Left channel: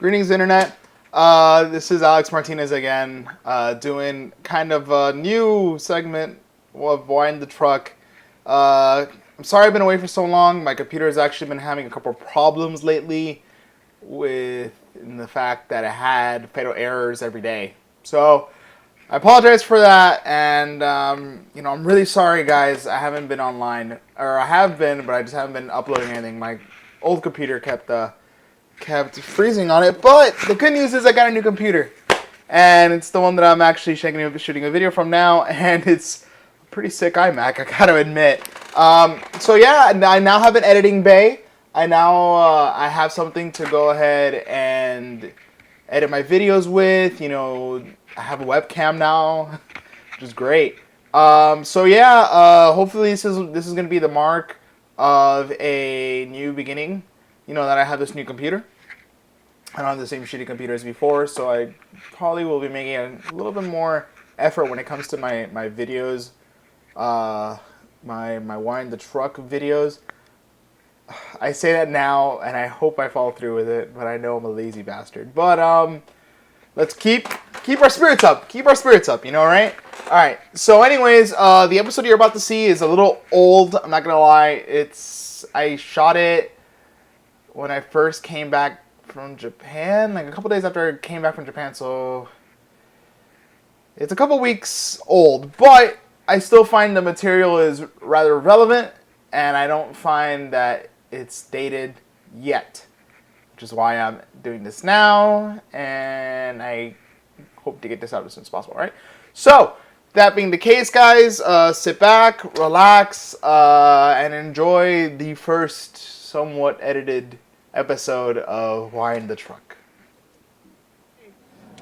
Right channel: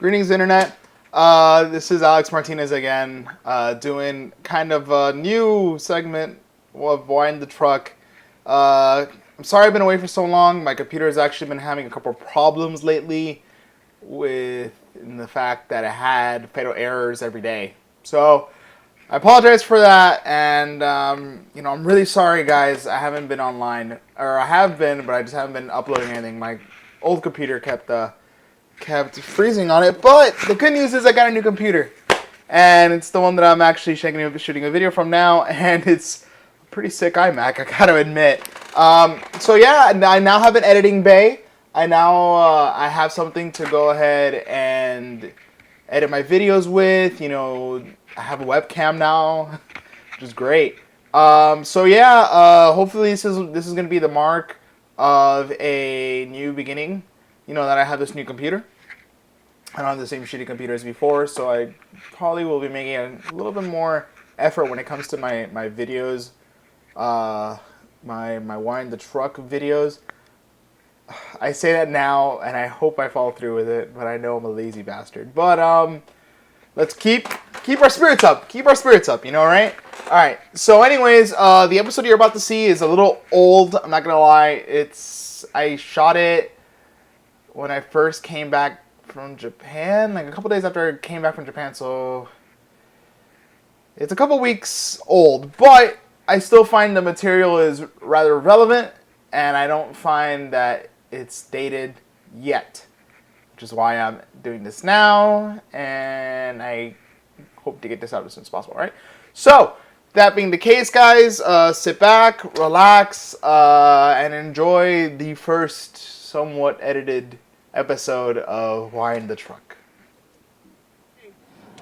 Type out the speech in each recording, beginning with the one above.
Greetings, Internet. This is Alex Martinez again, doing kind of a new segment of Wind the Truck. I'm sorry I've been away for so long. My computer has actually been having a couple of problems lately with the fact that it had fatal errors every day. So I apologize for that, and I'm really sorry, guys. I haven't been online, or I have been, but I just haven't been uploading anything. My old computer kept freezing on it, but the good news is I got a new computer, and it's the one that I'm actually shooting a video from now, and it's a pretty sick iMac, I gotta admit. So yeah, I now have an editing bay. I have something to go ahead and edit my videos with. I have a webcam now, which is great. So yeah, hopefully this is gonna be the mark of a new beginning. That I have this new computer. I don't have the same shitty computer as before, so I probably will be making a little bit more effort when it comes to my videos, my Wind the Truck videos. I say that now, and I hope I follow through with it, but I know I'm a lazy bastard. But let's keep our spirits up. Keep our spirits up, right? All right. So, anyways, the episode you're about to see is a little old. I'm not gonna lie. I shot it when I first came back from Japan, like a couple days after I came back from Japan, so it's a couple weeks old, but I still find the material is rather relevant, and I don't find that it's dated yet, which is why I'm doing this now, and I hope to get this out as soon as possible, right? So, that being the case, guys, sit back, relax, and enjoy the first somewhat edited episode of Wind the Truck.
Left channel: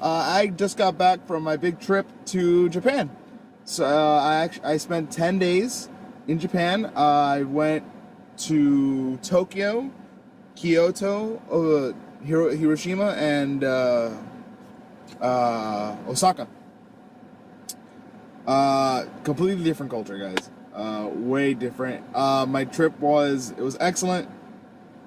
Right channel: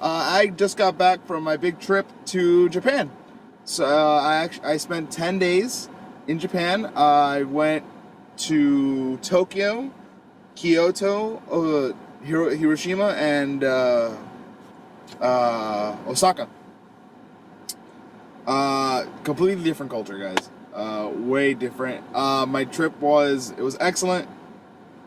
I just got back from my big trip to Japan. So I spent 10 days in Japan. I went to Tokyo, Kyoto, Hiroshima, and Osaka. Completely different culture, guys. Way different. My trip was excellent.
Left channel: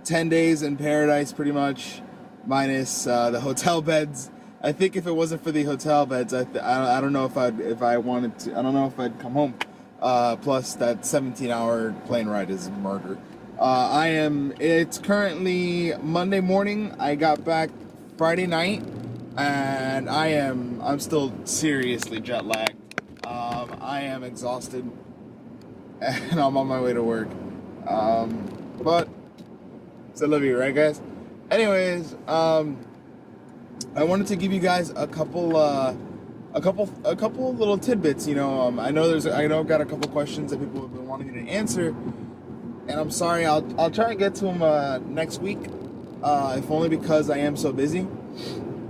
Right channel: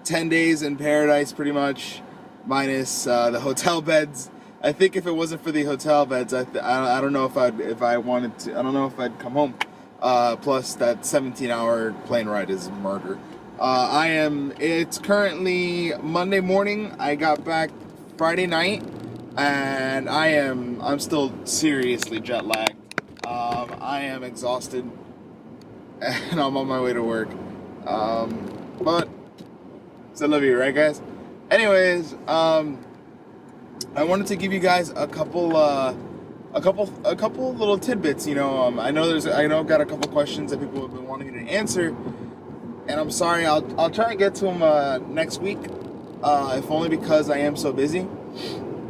10 days in paradise, pretty much, minus the hotel beds. I think if it wasn't for the hotel beds, I don't know if I wanted to. I don't know if I'd come home. Plus, that 17-hour plane ride is murder. It's currently Monday morning. I got back Friday night, and I'm still seriously jet lagged. I am exhausted, and I'm on my way to work. But I love you, right, guys? Anyways, I wanted to give you guys a couple little tidbits. I know I've got a couple questions that people have been wanting me to answer, and I'm sorry. I'll try and get to them next week, if only because I am so busy.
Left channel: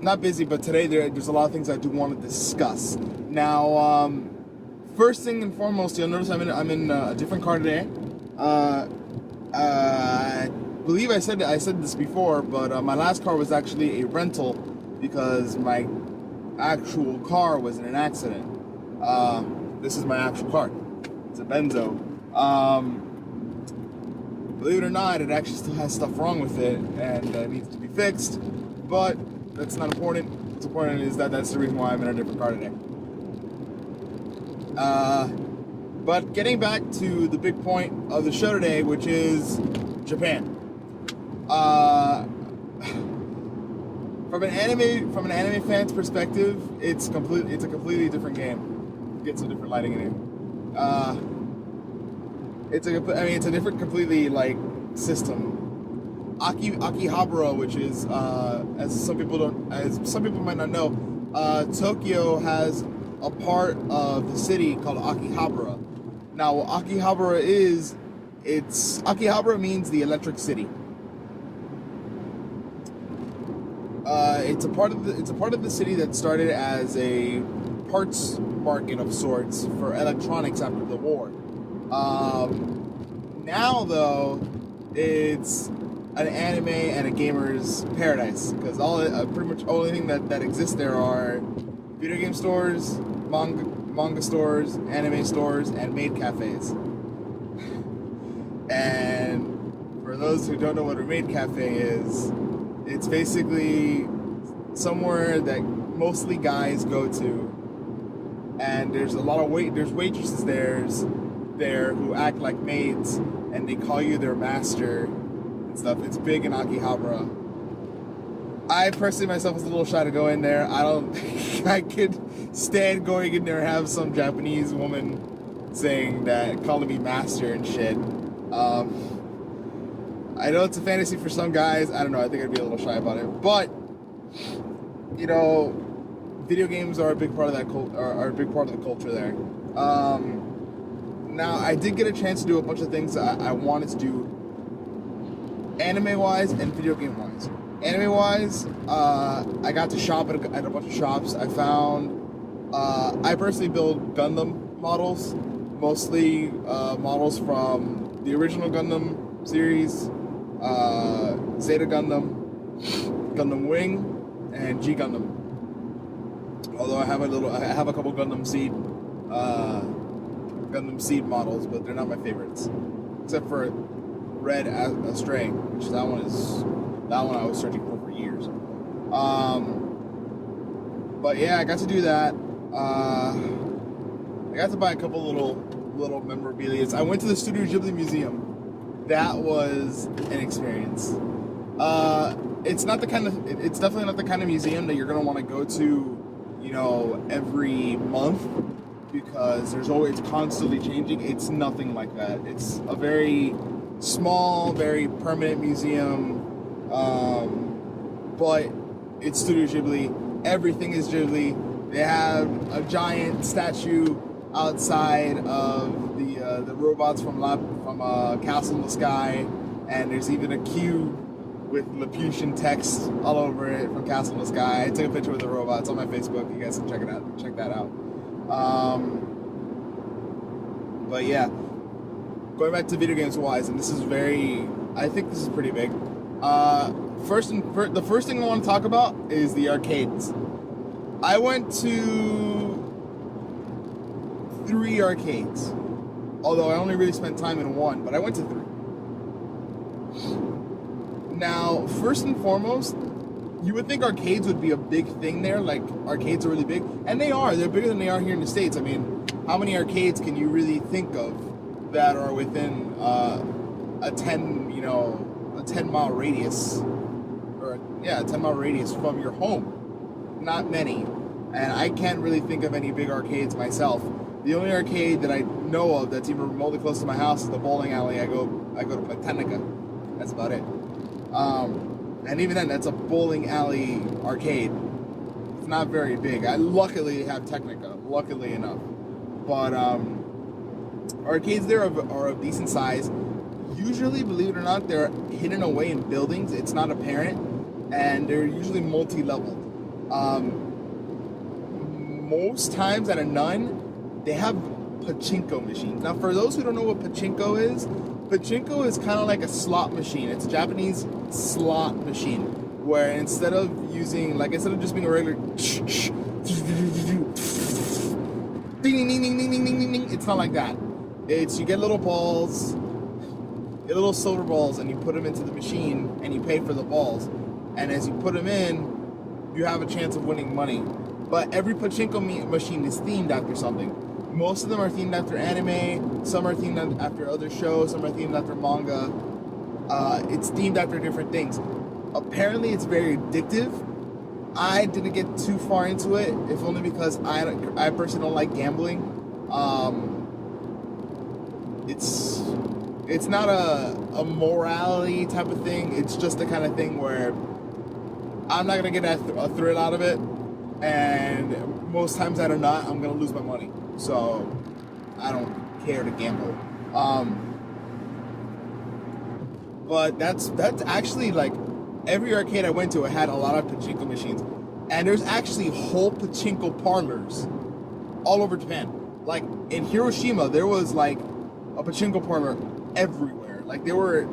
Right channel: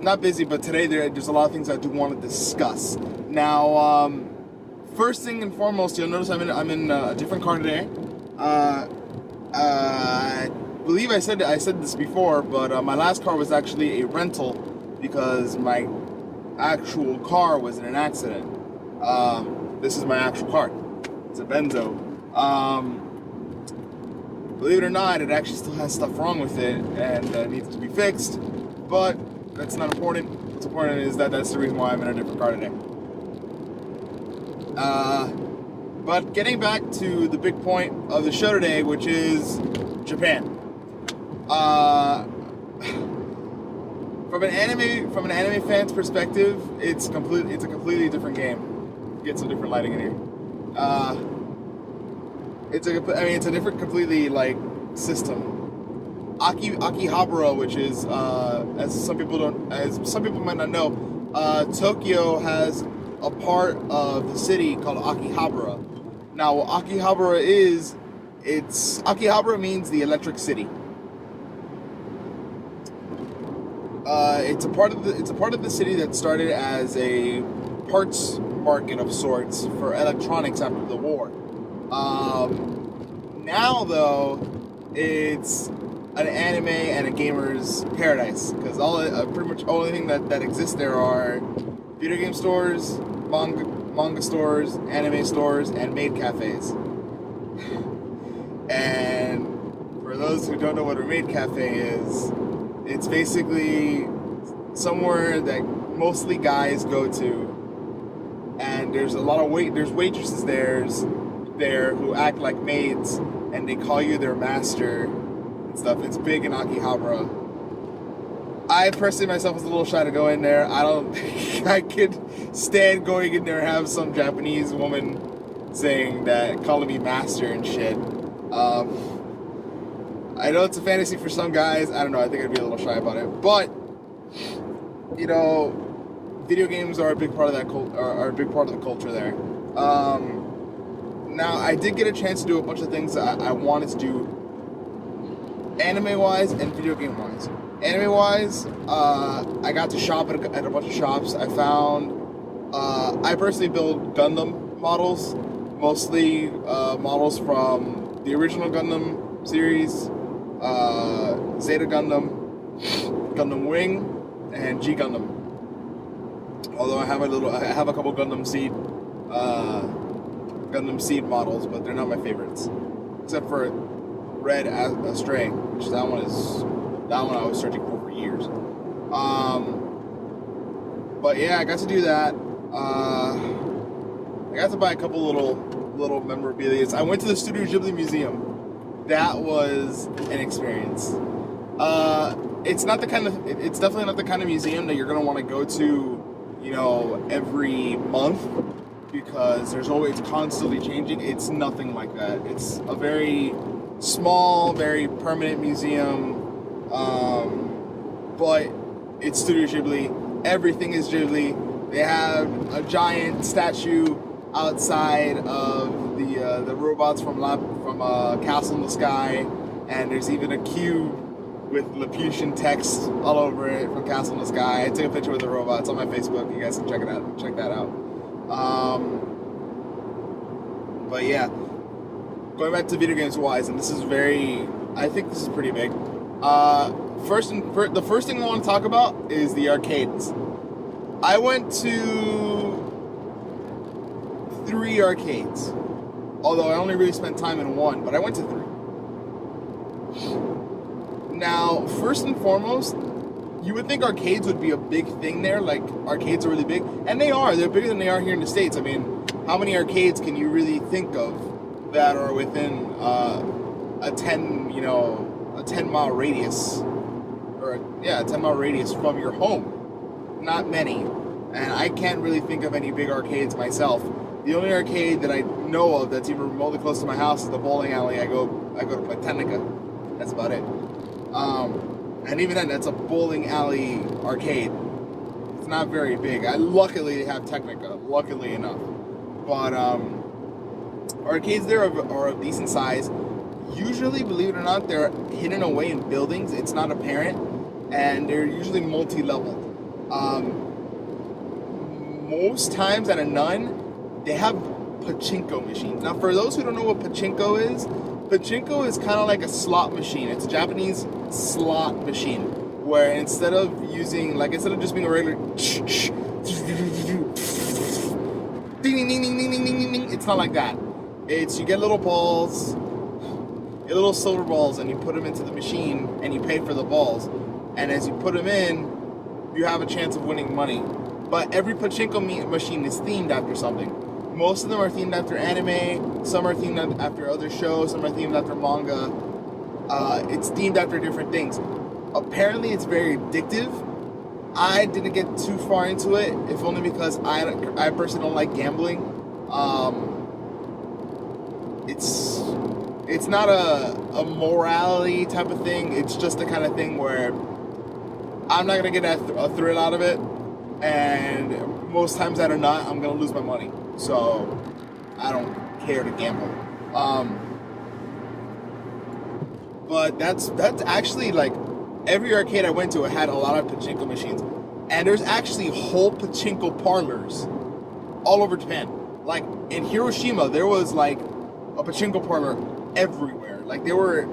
Not busy, but today there's a lot of things I do want to discuss. Now, first thing and foremost, you'll notice I'm in a different car today. I believe I said this before, but my last car was actually a rental because my actual car was in an accident. This is my actual car. It's a Benzo. Believe it or not, it actually still has stuff wrong with it and needs to be fixed, but that's not important. What's important is that's the reason why I'm in a different car today. But getting back to the big point of the show today, which is Japan. From an anime fan's perspective, it's a completely different game. Get some different lighting in here. It's a different completely system. Akihabara, which is as some people might not know, Tokyo has a part of the city called Akihabara. Now, what Akihabara means the electric city. It's a part of the city that started as a parts market of sorts for electronics after the war. Now though, it's an anime and a gamer's paradise because pretty much only thing that exists there are video game stores, manga stores, anime stores, and maid cafes. And for those who don't know what a maid cafe is, It's basically somewhere that mostly guys go to, and there's a lot of there's waitresses there who act like maids, and they call you their master and stuff. It's big in Akihabara. I personally myself was a little shy to go in there. I don't think I could stand going in there and have some Japanese woman saying that, calling me master and shit. I know it's a fantasy for some guys. I don't know. I think I'd be a little shy about it. But, you know, video games are a big part of that are a big part of the culture there. Now, I did get a chance to do a bunch of things that I wanted to do anime-wise and video game-wise. Anime-wise, I got to shop at a bunch of shops. I found... I personally build Gundam models. Mostly models from the original Gundam series, Zeta Gundam, Gundam Wing, and G Gundam. Although I have a couple Gundam Seed models, but they're not my favorites, except for Red Astray, which that one I was searching for years. But yeah, I got to do that. I got to buy a couple little memorabilia. I went to the Studio Ghibli Museum. That was an experience. It's definitely not the kind of museum that you're gonna want to go to, you know, every month, because there's always constantly changing. It's nothing like that. It's a very small, very permanent museum, but it's Studio Ghibli. Everything is Ghibli. They have a giant statue outside of the robots from Castle in the Sky, and there's even a cube with Laputan text all over it from Castle in the Sky. I took a picture with the robot. It's on my Facebook. You guys can check that out. But yeah, going back to video games wise, and I think this is pretty big. The first thing I want to talk about is the arcades. I went to 3 arcades, although I only really spent time in one, but I went to 3. Now, first and foremost, you would think arcades would be a big thing there, like arcades are really big, and they are. They're bigger than they are here in the States. I mean, how many arcades can you really think of that are within a 10-mile radius, a 10-mile radius from your home? Not many, and I can't really think of any big arcades myself. The only arcade that I know of that's even remotely close to my house is the bowling alley. I go to play Technica. That's about it. And even then, that's a bowling alley arcade. It's not very big. I luckily have Technica, luckily enough. But arcades there are of decent size. Usually, believe it or not, they're hidden away in buildings. It's not apparent, and they're usually multi-leveled. Most times out of none, they have pachinko machines. Now, for those who don't know what pachinko is kind of like a slot machine. It's a Japanese slot machine, where instead of just being a regular ding ding ding ding ding ding ding ding, it's not like that. You get little balls, little silver balls, and you put them into the machine, and you pay for the balls. And as you put them in, you have a chance of winning money. But every pachinko machine is themed after something. Most of them are themed after anime, some are themed after other shows, some are themed after manga. It's themed after different things. Apparently it's very addictive. I didn't get too far into it, if only because I personally don't like gambling. It's not a morality type of thing. It's just the kind of thing where I'm not going to get a thrill out of it, and most times out of not, I'm going to lose my money. So I don't care to gamble. But that's actually, like, every arcade I went to, it had a lot of pachinko machines. And there's actually whole pachinko parlors all over Japan. Like, in Hiroshima, there was, like, a pachinko parlor everywhere. Like, they were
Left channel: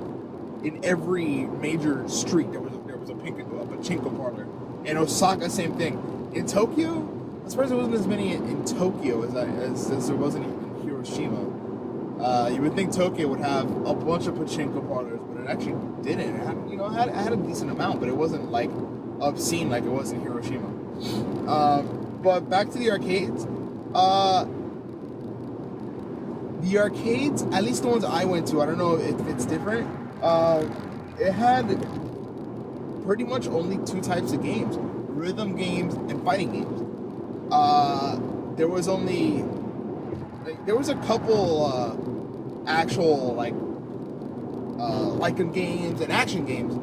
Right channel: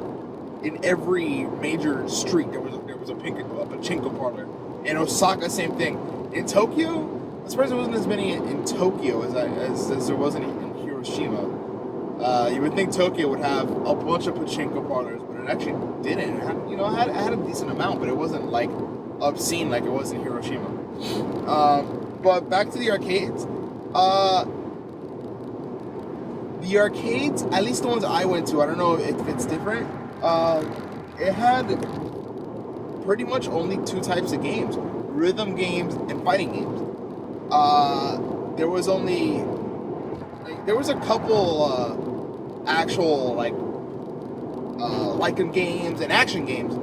in every major street. There was a pachinko parlor. In Osaka, same thing. In Tokyo, I'm surprised there wasn't as many in Tokyo as there wasn't in Hiroshima. You would think Tokyo would have a bunch of pachinko parlors, but it actually didn't. I had a decent amount, but it wasn't like obscene like it was in Hiroshima. But back to the arcades. The arcades, at least the ones I went to, I don't know if it's different. It had pretty much only two types of games: rhythm games and fighting games. There was a couple actual Lycan games and action games.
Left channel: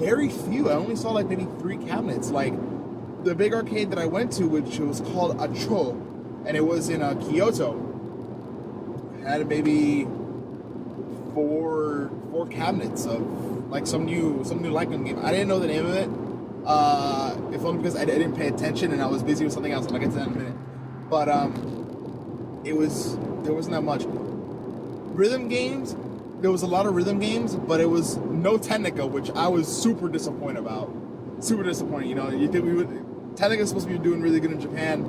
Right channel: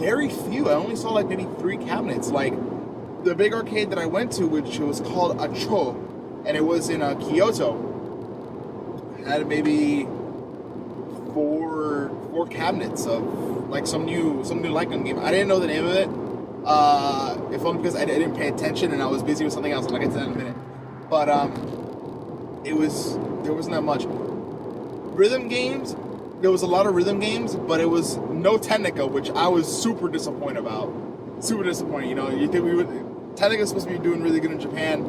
Very few. I only saw like maybe 3 cabinets. Like the big arcade that I went to, which was called Acho, and it was in Kyoto, had maybe four cabinets of like some new Lycan game. I didn't know the name of it. If only because I didn't pay attention and I was busy with something else. I'll get to that in a minute. But there wasn't that much. Rhythm games, there was a lot of rhythm games, but it was no Technica, which I was super disappointed about. Super disappointed, you think Technica's supposed to be doing really good in Japan.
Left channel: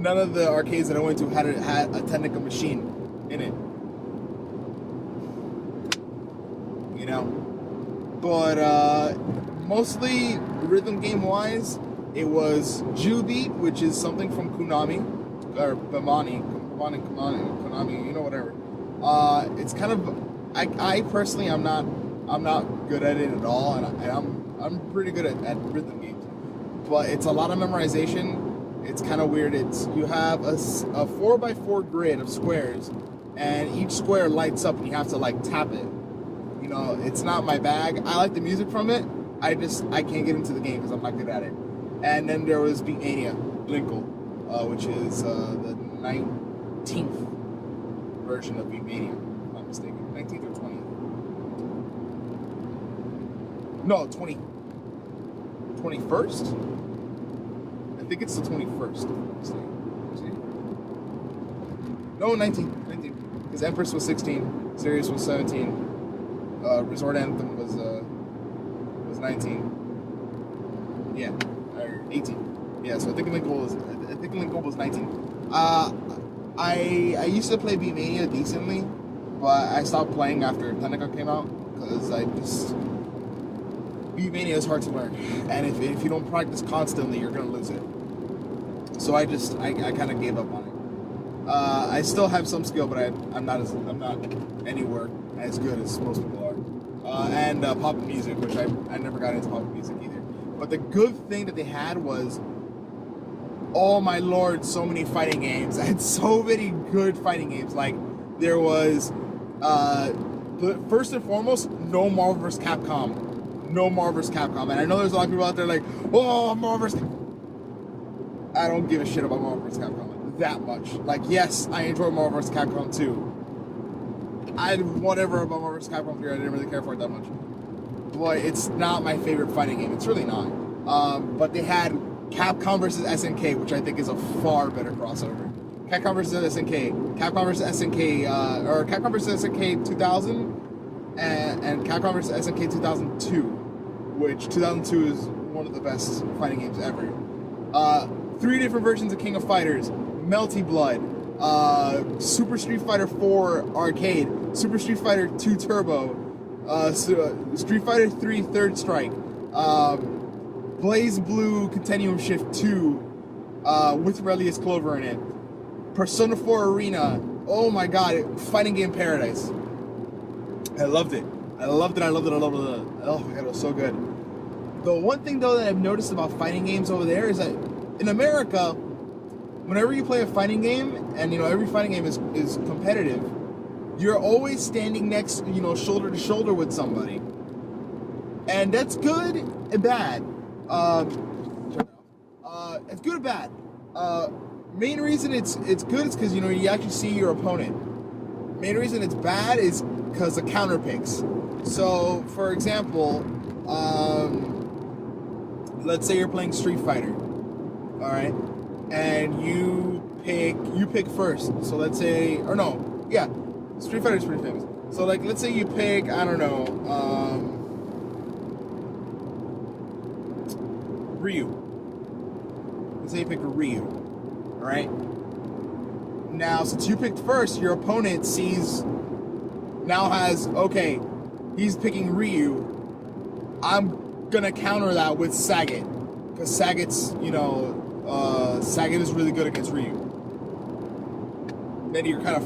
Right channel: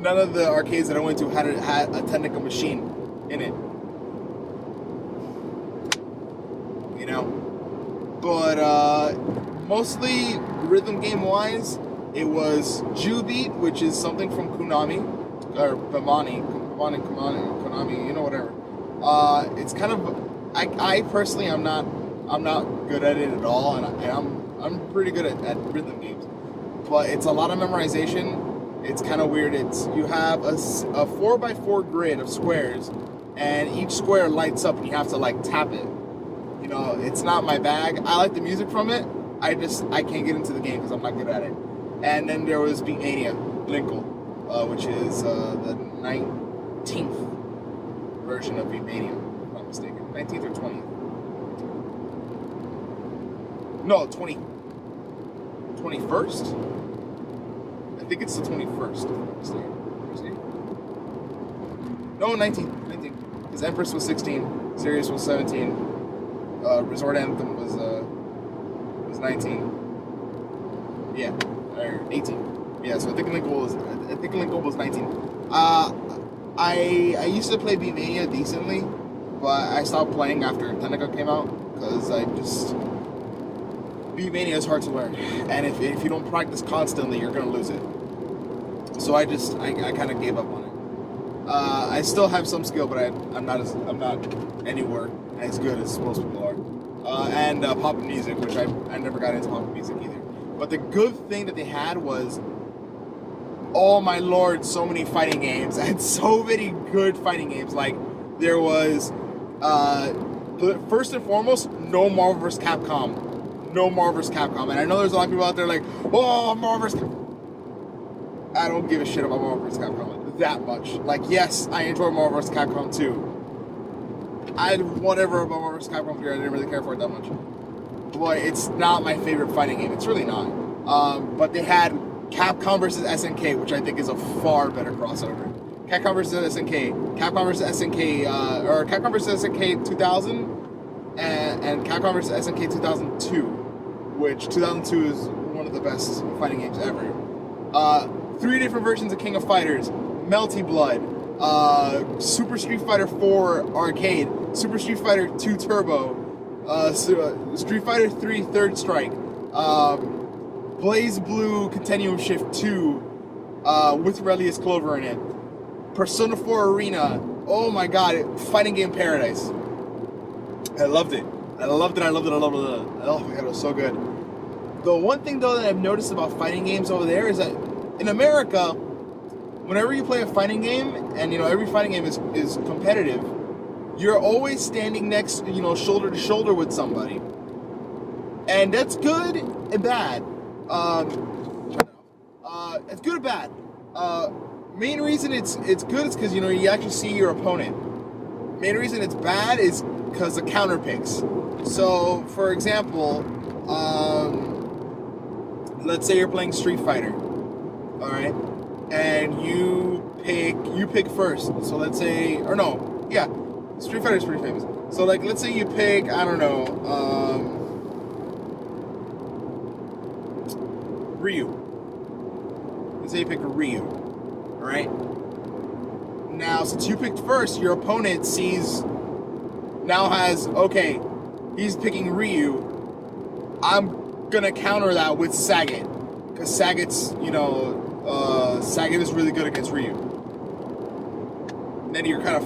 None of the arcades that I went to had a Technica machine in it. But mostly rhythm game wise, it was Jubeat, which is something from Konami, or Konami, whatever. It's kind of, I personally, I'm not good at it at all, and I'm pretty good at rhythm games, but it's a lot of memorization. It's kind of weird. You have a 4x4 grid of squares, and each square lights up, and you have to tap it. It's not my bag. I like the music from it. I can't get into the game because I'm not good at it. And then there was Beatmania, Linkle, which is the 19th version of Beatmania, if I'm not mistaken. 19th or 20th? No, 21st? I think it's the 21st, if I'm not mistaken. No, 19th. Because Empress was 16, Sirius was 17. Resort Anthem was 19. Yeah, or 18. Yeah, so I think Linkle was 19. I used to play Beatmania decently, but I stopped playing after Technica came out because Beatmania is hard to learn, and if you don't practice constantly, you're gonna lose it. So I kind of gave up on it. I still have some skill, but I'm not anywhere as good as most people are. And pop music, which I never got into pop music either. But the good thing that they had was, oh my lord, so many fighting games and so many good fighting games. Like there was, first and foremost, no Marvel vs. Capcom. No Marvel vs. Capcom. And I know there's a lot of people out there like, oh, Marvel vs. I don't give a shit about Marvel vs. Capcom that much. Like, yes, I enjoy Marvel vs. Capcom 2. Whatever about Marvel vs. Capcom 3, I didn't really care for it that much. Boy, it's not my favorite fighting game. It's really not. But they had Capcom vs. SNK, which I think is a far better crossover. Capcom vs. SNK, Capcom vs. SNK, or Capcom vs. SNK 2000, and Capcom vs. SNK 2002, which 2002 is one of the best fighting games ever. 3 different versions of King of Fighters, Melty Blood, Super Street Fighter 4 Arcade, Super Street Fighter 2 Turbo, Street Fighter 3 Third Strike, Blaze Blue Continuum Shift 2 with Relius Clover in it, Persona 4 Arena. Oh my god, fighting game paradise. I loved it. Oh my god, it was so good. The one thing though that I've noticed about fighting games over there is that in America, whenever you play a fighting game, and every fighting game is competitive, you're always standing next, shoulder to shoulder with somebody, and that's good and bad. It's good and bad. Main reason it's good is because you actually see your opponent. Main reason it's bad is because of counter picks. So, for example, let's say you're playing Street Fighter, all right, and you pick first. So let's say, or no, yeah, Street Fighter is pretty famous. So let's say you pick, I don't know, Ryu. Let's say you pick a Ryu, all right. Now, since you picked first, your opponent has, okay, he's picking Ryu, I'm gonna counter that with Sagat, because Sagat's, Sagat is really good against Ryu. Then you're kind of,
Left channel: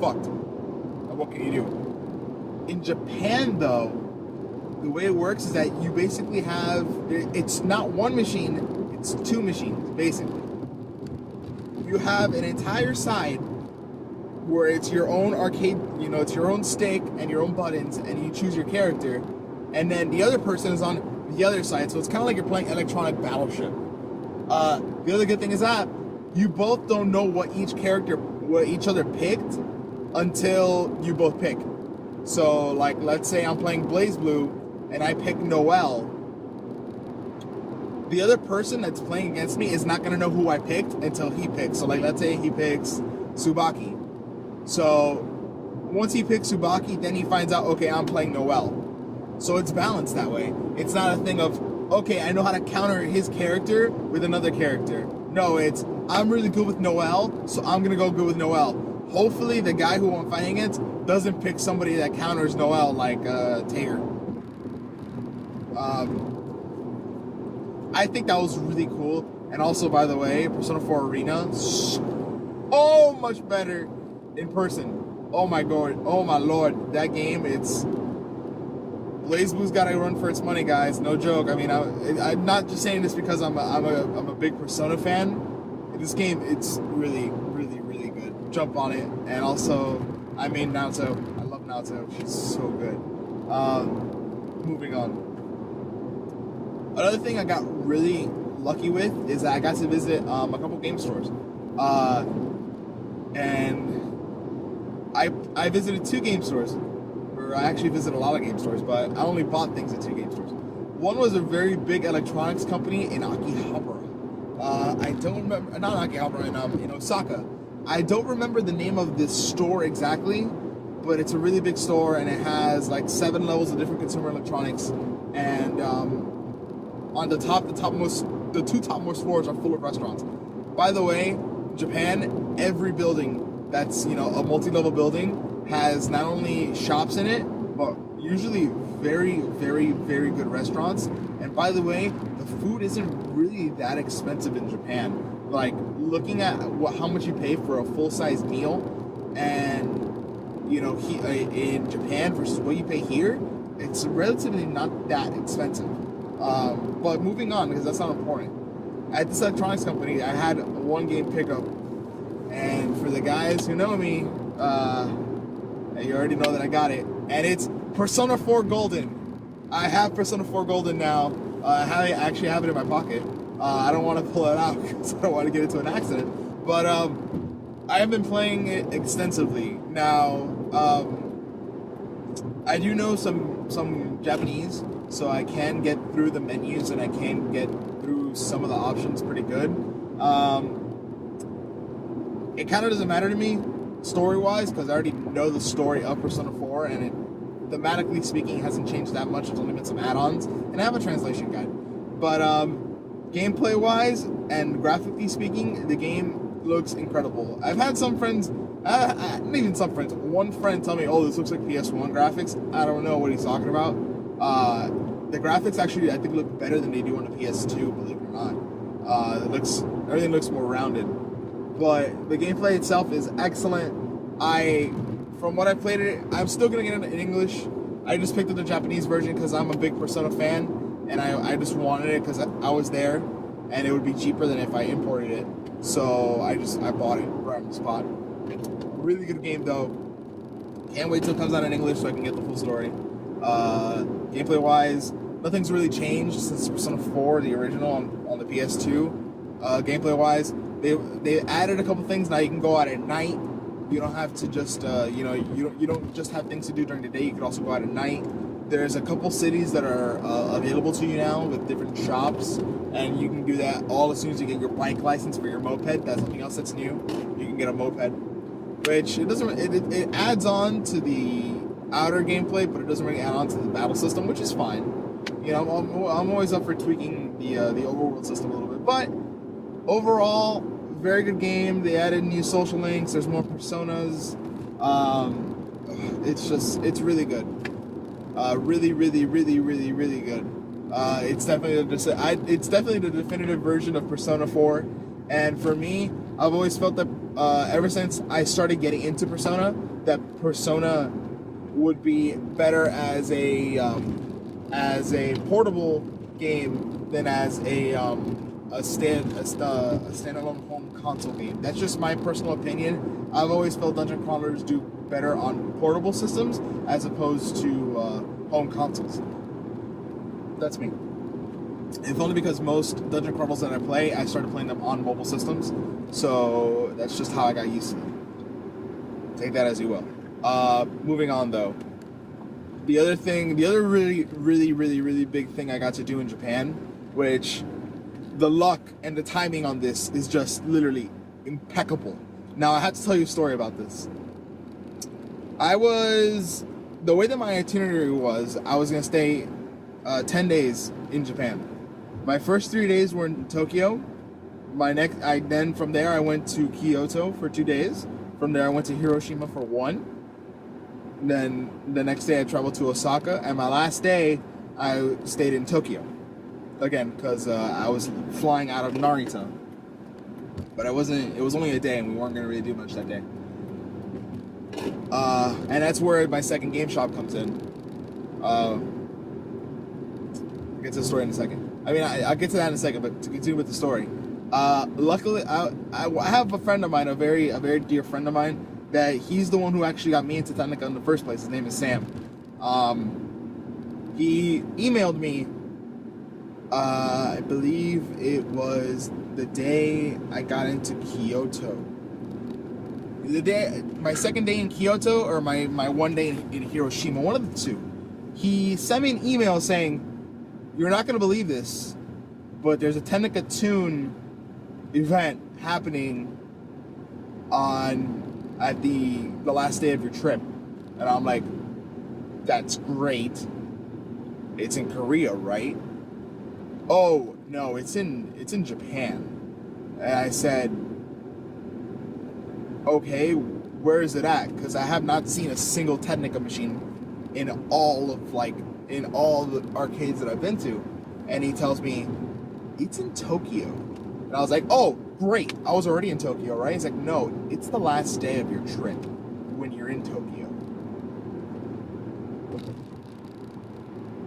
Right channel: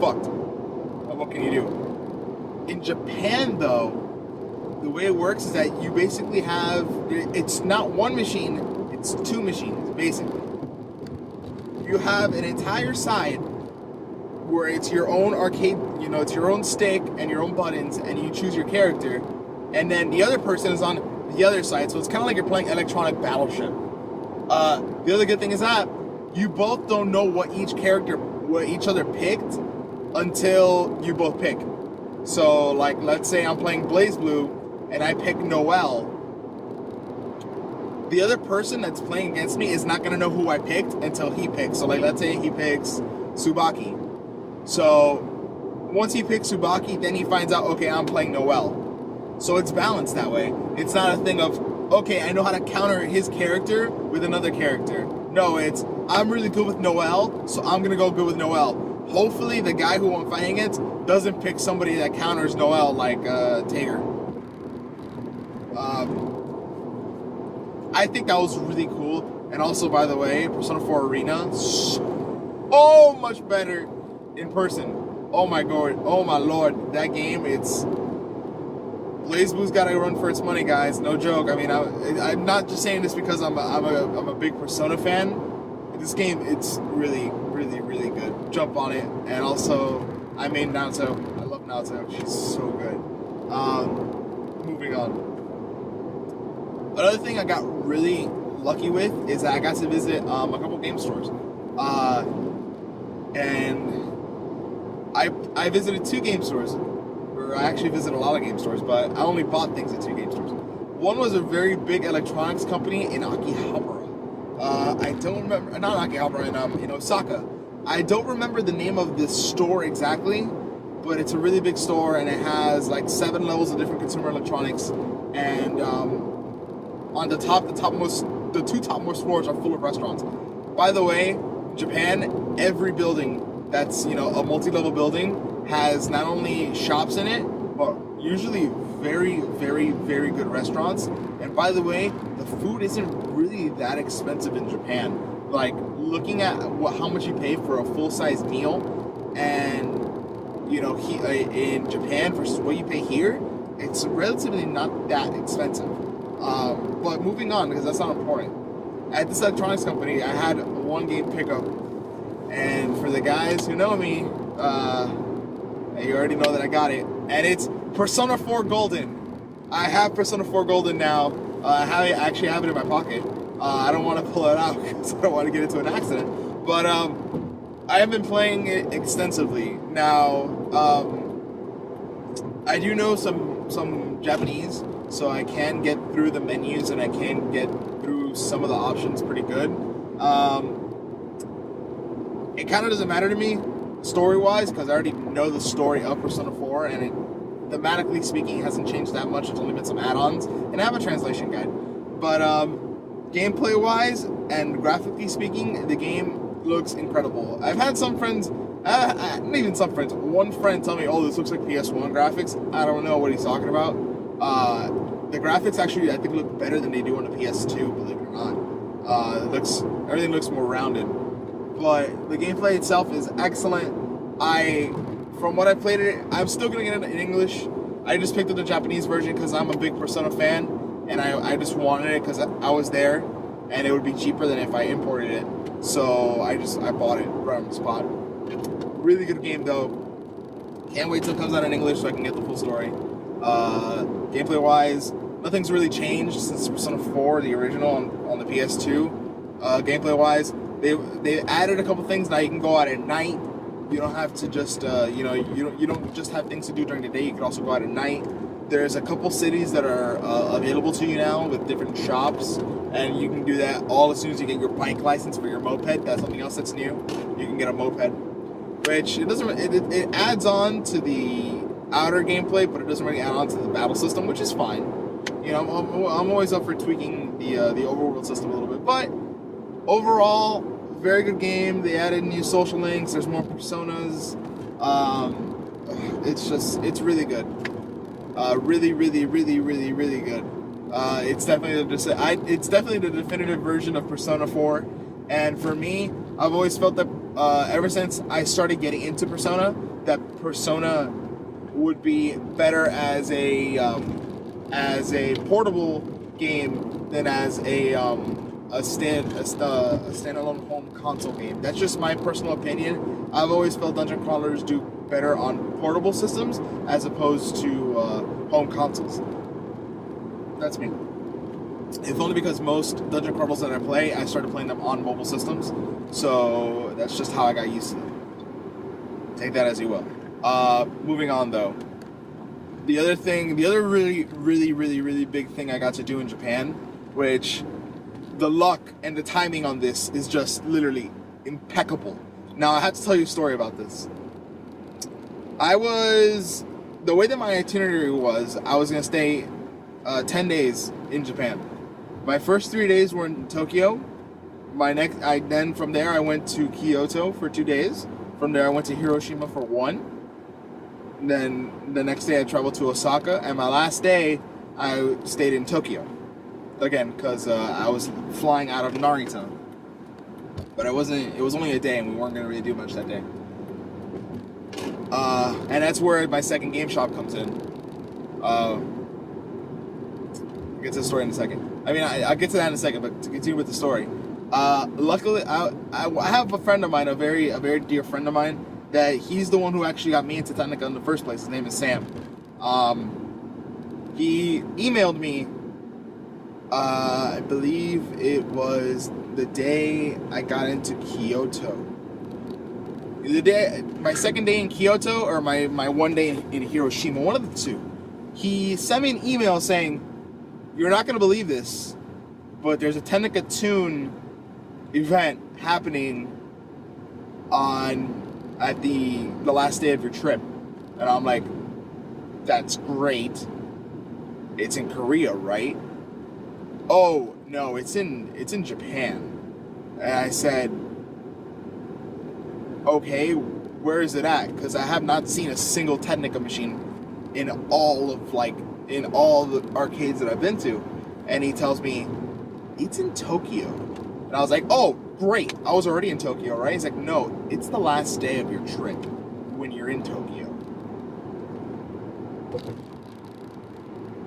fucked. What can you do? In Japan, though, the way it works is that you basically have, it's not one machine, it's two machines, basically. You have an entire side where it's your own arcade, it's your own stick and your own buttons, and you choose your character. And then the other person is on the other side, so it's kind of like you're playing electronic battleship. The other good thing is that you both don't know what each other picked until you both pick. So, like, let's say I'm playing BlazBlue and I pick Noel. The other person that's playing against me is not going to know who I picked until he picks. So, like, let's say he picks Tsubaki. So, once he picks Tsubaki, then he finds out, okay, I'm playing Noel. So it's balanced that way. It's not a thing of, okay, I know how to counter his character with another character. No, it's, I'm really good with Noel, so I'm going to go good with Noel. Hopefully the guy who I'm fighting against doesn't pick somebody that counters Noel like Tager. I think that was really cool. And also, by the way, Persona 4 Arena, so much better in person. Oh my god, oh my lord, that game, it's... BlazBlue's got to run for its money, guys. No joke. I mean, I'm not just saying this because I'm a big Persona fan. This game, it's really, really, really good. Jump on it. And also, I made Naoto. I love Naoto. She's so good. Moving on. Another thing I got really lucky with is that I got to visit a couple game stores. And I visited 2 game stores. I actually visited a lot of game stores, but I only bought things at 2 game stores. One was a very big electronics company in Akihabara. I don't remember, not Akihabara, in Osaka. I don't remember the name of this store exactly, but it's a really big store, and it has like 7 levels of different consumer electronics. And on the 2 topmost floors are full of restaurants. By the way, Japan, every building that's a multi-level building has not only shops in it, but usually very, very, very good restaurants. And by the way, the food isn't really that expensive in Japan. Like, looking at how much you pay for a full-size meal, and in Japan versus what you pay here, it's relatively not that expensive. But moving on, because that's not important. At this electronics company, I had one game pickup, and for the guys who know me, you already know that I got it. And it's Persona 4 Golden. I have Persona 4 Golden now. I actually have it in my pocket. I don't want to pull it out because I don't want to get into an accident. But I have been playing it extensively. Now, I do know some Japanese, so I can get through the menus and I can get through some of the options pretty good. It kind of doesn't matter to me story-wise, because I already know the story of Persona 4, and it, thematically speaking, it hasn't changed that much. There's only been some add-ons, and I have a translation guide. But gameplay-wise and graphically speaking, the game looks incredible. I've had some friends, not even some friends, one friend tell me, oh, this looks like PS1 graphics. I don't know what he's talking about. The graphics actually, I think, look better than they do on the PS2, believe it or not. Everything looks more rounded. But the gameplay itself is excellent. From what I played it, I'm still going to get it in English. I just picked up the Japanese version because I'm a big Persona fan, and I just wanted it because I was there, and it would be cheaper than if I imported it. So I bought it right on the spot. Really good game though. Can't wait till it comes out in English so I can get the full story. Gameplay wise, nothing's really changed since Persona 4, the original on the PS2. Gameplay wise, they added a couple things. Now you can go out at night. You don't have to just you don't just have things to do during the day. You can also go out at night. There's a couple cities that are available to you now with different shops, and you can do that all as soon as you get your bike license for your moped. That's something else that's new. You can get a moped, which it adds on to the outer gameplay, but it doesn't really add on to the battle system, which is fine. You know, I'm always up for tweaking the overworld system a little bit, but overall, very good game. They added new social links. There's more personas. It's really good. Really, really, really, really, really good. It's definitely it's definitely the definitive version of Persona 4, and for me, I've always felt that ever since I started getting into Persona, that Persona would be better as a portable game than as a standalone home console game. That's just my personal opinion. I've always felt dungeon crawlers do better on portable systems as opposed to home consoles. That's me. If only because most dungeon crawlers that I play, I started playing them on mobile systems, so that's just how I got used to them. Take that as you will. Moving on though. The other really, really, really, really big thing I got to do in Japan, which the luck and the timing on this is just literally impeccable. Now, I had to tell you a story about this. The way that my itinerary was, I was going to stay 10 days in Japan. My first 3 days were in Tokyo. Then from there I went to Kyoto for 2 days. From there I went to Hiroshima for 1. Then the next day I traveled to Osaka, and my last day I stayed in Tokyo. Again, because I was flying out of Narita. But it was only a day, and we weren't going to really do much that day. And that's where my second game shop comes in. I'll get to the story in a second. I'll get to that in a second, but to continue with the story. Luckily, I have a friend of mine, a very dear friend of mine, that he's the one who actually got me into Technica in the first place. His name is Sam. He emailed me, I believe it was the day I got into Kyoto. My second day in Kyoto, or my one day in Hiroshima, one of the two. He sent me an email saying, "You're not going to believe this, but there's a Technica Tune event happening at the last day of your trip." And I'm like, "That's great. It's in Korea, right?" "Oh, no, it's in Japan." And I said, "Okay, where is it at? Because I have not seen a single Technica machine in all the arcades that I've been to." And he tells me, "It's in Tokyo." And I was like, "Oh, great. I was already in Tokyo, right?" He's like, "No, it's the last day of your trip when you're in Tokyo."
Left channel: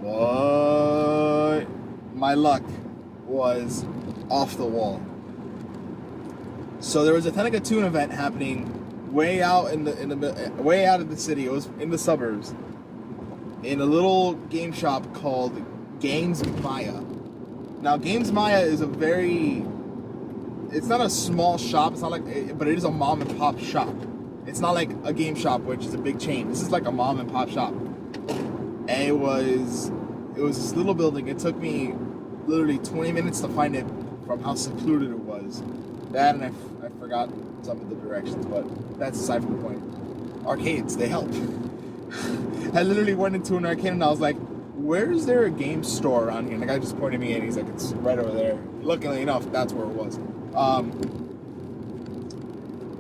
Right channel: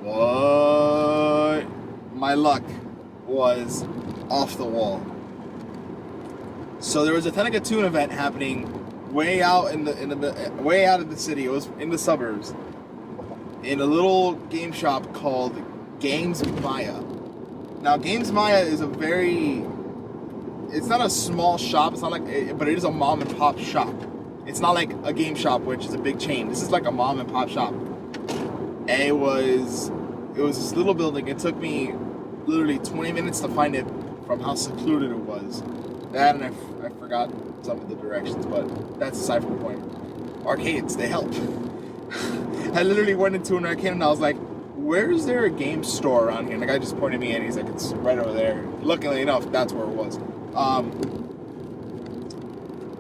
What? My luck was off the wall. So there was a Technica Tune event happening way out way out of the city. It was in the suburbs, in a little game shop called Games Maya. Now, Games Maya is it's not a small shop. It's not but it is a mom and pop shop. It's not like a game shop, which is a big chain. This is like a mom and pop shop. And it was this little building. It took me literally 20 minutes to find it from how secluded it was. That, and I forgot some of the directions, but that's aside from the point. Arcades, they help. I literally went into an arcade and I was like, "Where is there a game store around here?" And the guy just pointed me in. He's like, "It's right over there." Luckily enough, that's where it was.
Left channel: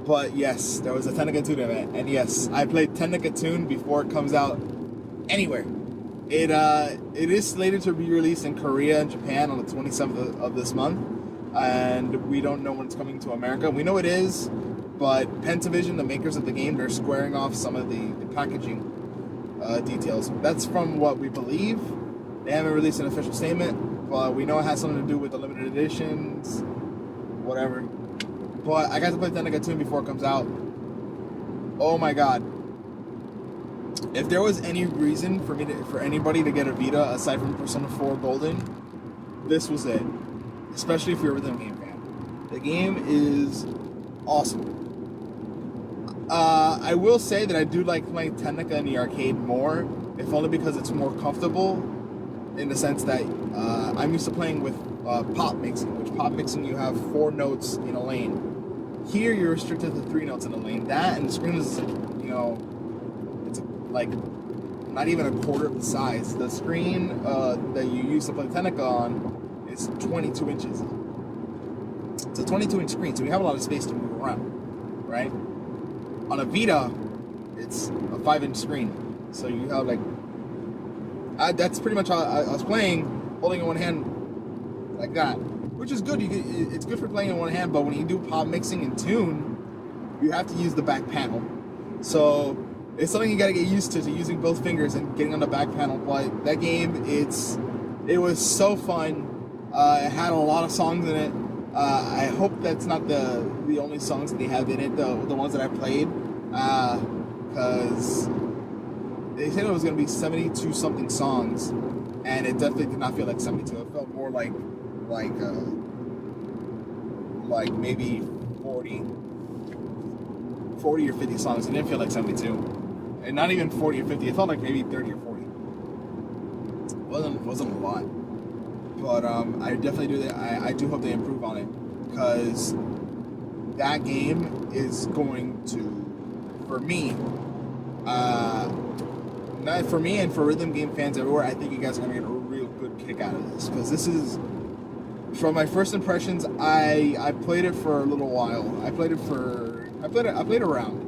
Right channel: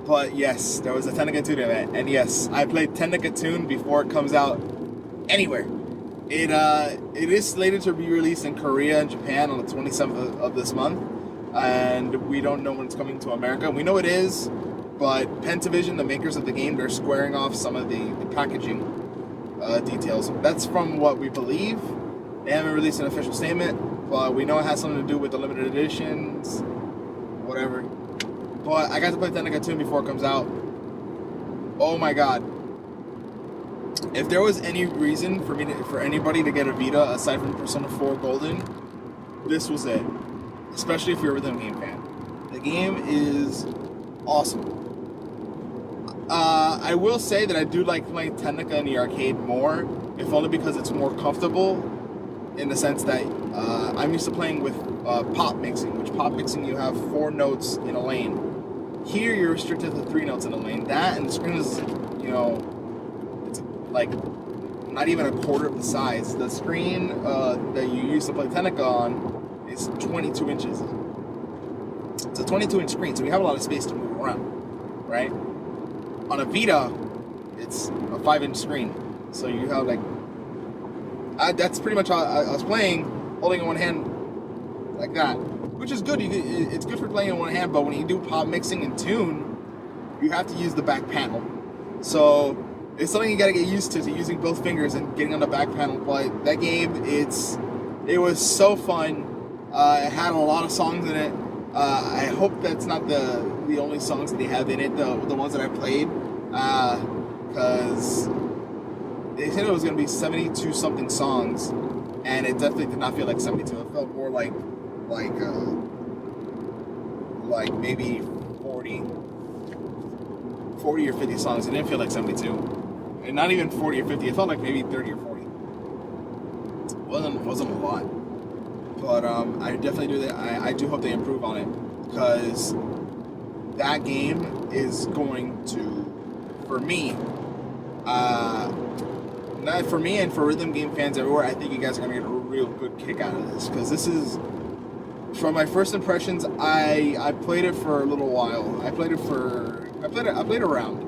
But yes, there was a Technica Tune event, and yes, I played Technica Tune before it comes out anywhere. It is slated to be released in Korea and Japan on the 27th of this month, and we don't know when it's coming to America. We know it is, but Pentavision, the makers of the game, they're squaring off some of the packaging details. That's from what we believe. They haven't released an official statement, but we know it has something to do with the limited editions, whatever. But I got to play Technica Tune before it comes out. Oh my god. If there was any reason for anybody to get a Vita aside from Persona 4 Golden, this was it. Especially if you're a rhythm game fan. The game is awesome. I will say that I do like playing Technica in the arcade more, if only because it's more comfortable, in the sense that I'm used to playing with pop mixing, which pop mixing you have 4 notes in a lane. Here you're restricted to 3 notes in a lane. That, and the screen is, it's like not even a quarter of the size. The screen that you use to play Technica on is 22 inches. It's a 22-inch screen, so you have a lot of space to move around, right? On a Vita, it's a 5-inch screen, so you have like that's pretty much how I was playing, holding in one hand like that, which is good. It's good for playing in one hand, but when you do pop mixing and tune, you have to use the back panel. So it's something you gotta get used to using both fingers and getting on the back panel. But that game, it was so fun. It had a lot of songs in it. I hope that's not the only songs that they have in it, the ones that I played, because they said it was going to be 72 something songs, and it definitely did not feel like 72. It felt more like maybe 40 or 50 songs. It didn't feel like 72, and not even 40 or 50. It felt like maybe 30 or 40. It wasn't a lot. But I definitely do that. I do hope they improve on it, because that game is going to, for me, not for me and for rhythm game fans everywhere, I think you guys are gonna get a real good kick out of this, because this is, from my first impressions, I played it for a little while. I played around,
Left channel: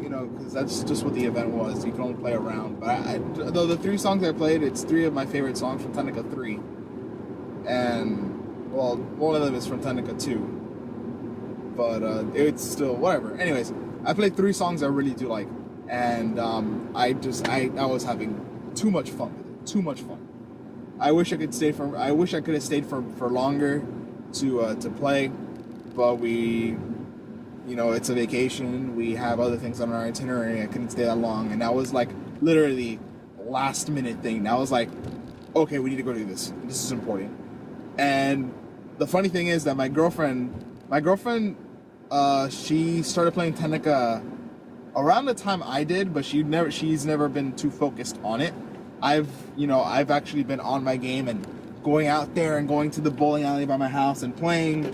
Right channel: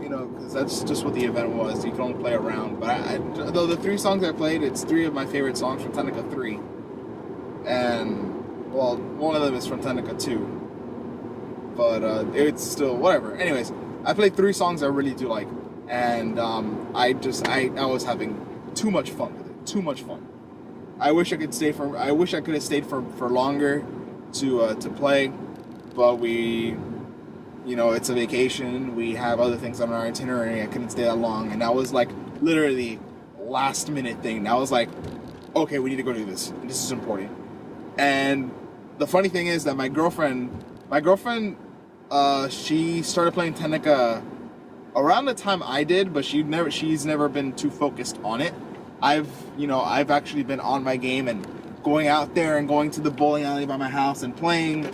because that's just what the event was. You can only play around. But though the 3 songs I played, it's 3 of my favorite songs from Technica 3. And, well, one of them is from Technica 2. But it's still, whatever. Anyways, I played 3 songs I really do like. And I was having too much fun with it. Too much fun. I wish I could have stayed for longer to play. But it's a vacation. We have other things on our itinerary. I couldn't stay that long. And that was like literally last minute thing. I was like, okay, we need to go do this. This is important. And the funny thing is that my girlfriend, she started playing Technica around the time I did, but she's never been too focused on it. I've actually been on my game and going out there and going to the bowling alley by my house and playing.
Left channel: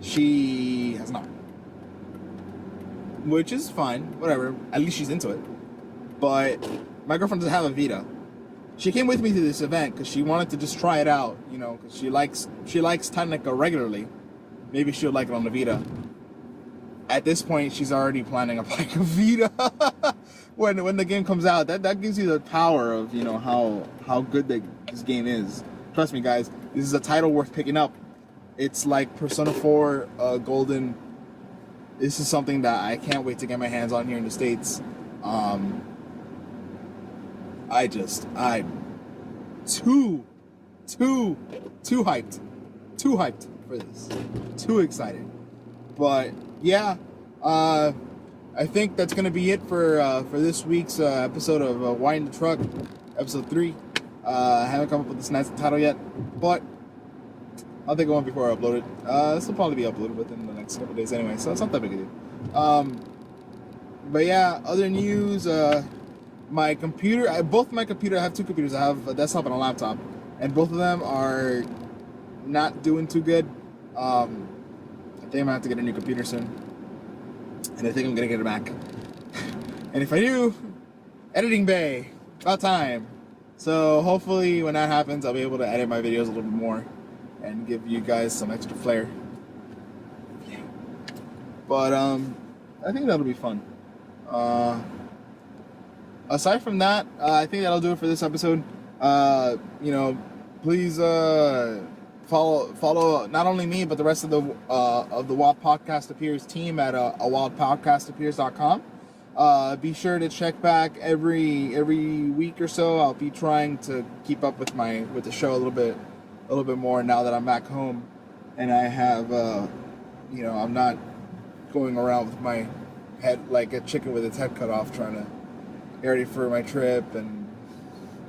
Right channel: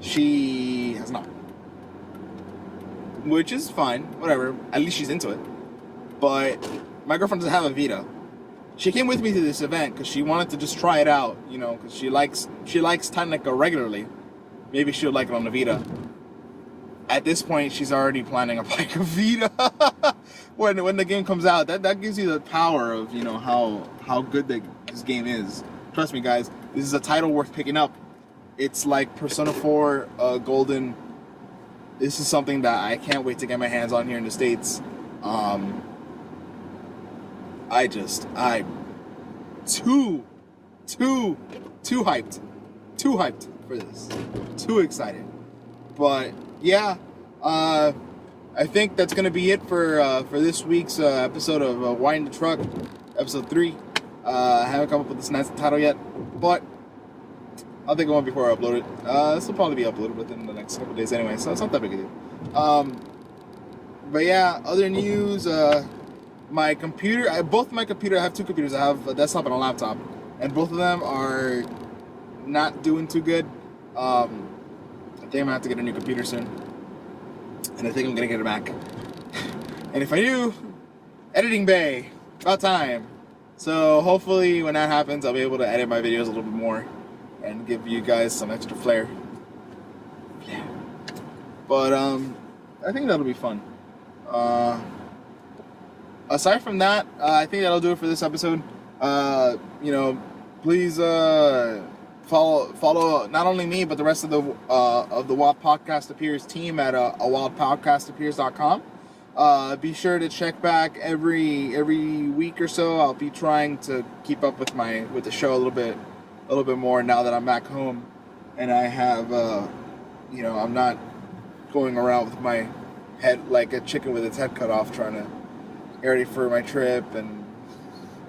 She has not, which is fine, whatever. At least she's into it. But my girlfriend doesn't have a Vita. She came with me to this event because she wanted to just try it out, because she likes Technica regularly. Maybe she would like it on the Vita. At this point, she's already planning to buy a Vita when the game comes out. That gives you the power of how good this game is. Trust me, guys, this is a title worth picking up. It's like Persona 4 Golden. This is something that I can't wait to get my hands on here in the States. Too hyped for this. Too excited. But yeah, I think that's gonna be it for this week's episode of Wine the Truck, episode 3. I haven't come up with this nice title yet, but I'll think of one before I upload it. This will probably be uploaded within the next couple days anyway, so it's not that big a deal. But yeah, other news. My computer, I have 2 computers. I have a desktop and a laptop, and both of them are not doing too good. I think I'm gonna have to get a new computer soon, and I think I'm gonna get a Mac. And if I do, editing bay, about time. So hopefully when that happens, I'll be able to edit my videos a little bit more and give you guys some extra flair. Yeah. But I think that'll be fun. Aside from that, I think that'll do it for this episode. Please follow not only me but the rest of the Wild Podcast Appears team at awildpodcastappears.com. Be sure to check back every week or so. I'll be trying to keep up with the show a little bit more now that I'm back home, and I have I'm not going around with my head like a chicken with its head cut off trying to get ready for my trip and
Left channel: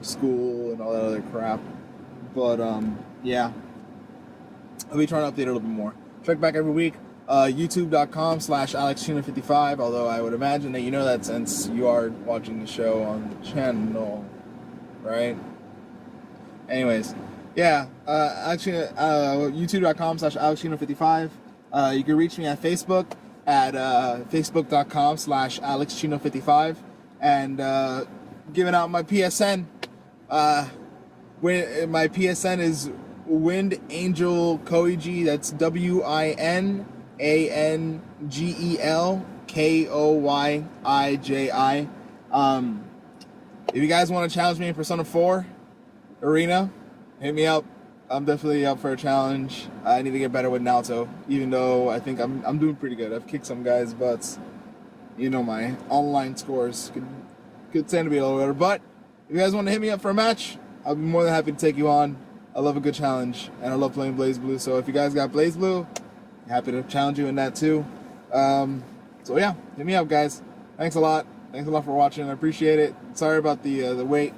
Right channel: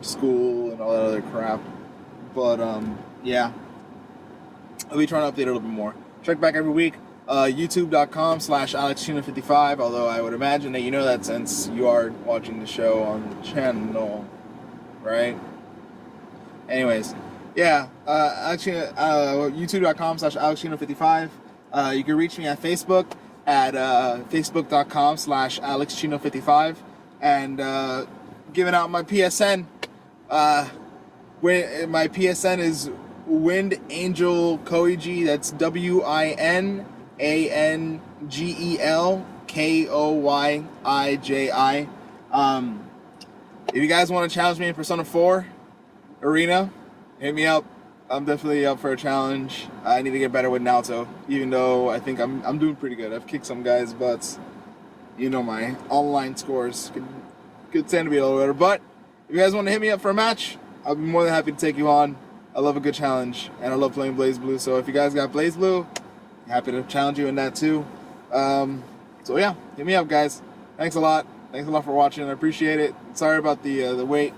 school and all that other crap. But yeah, I'll be trying to update it a little bit more. Check back every week. YouTube.com/AlexChino55, although I would imagine that you know that since you are watching the show on the channel, right? Anyways, yeah, YouTube.com/AlexChino55. You can reach me at Facebook at Facebook.com/AlexChino55, and giving out my PSN. My PSN is Wind Angel Koiji. That's WINANGEL KOYIJI. If you guys want to challenge me in Persona 4, arena, hit me up. I'm definitely up for a challenge. I need to get better with Naoto, even though I think I'm doing pretty good. I've kicked some guys' butts. You know my online scores could tend to be a little better. But if you guys want to hit me up for a match, I'll be more than happy to take you on. I love a good challenge, and I love playing Blaze Blue. So if you guys got Blaze Blue, happy to challenge you in that too. So yeah, hit me up, guys. Thanks a lot. Thanks a lot for watching. I appreciate it. Sorry about the wait,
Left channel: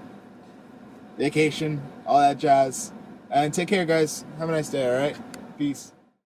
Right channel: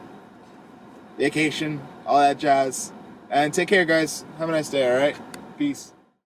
vacation, all that jazz. And take care, guys. Have a nice day, all right? Peace.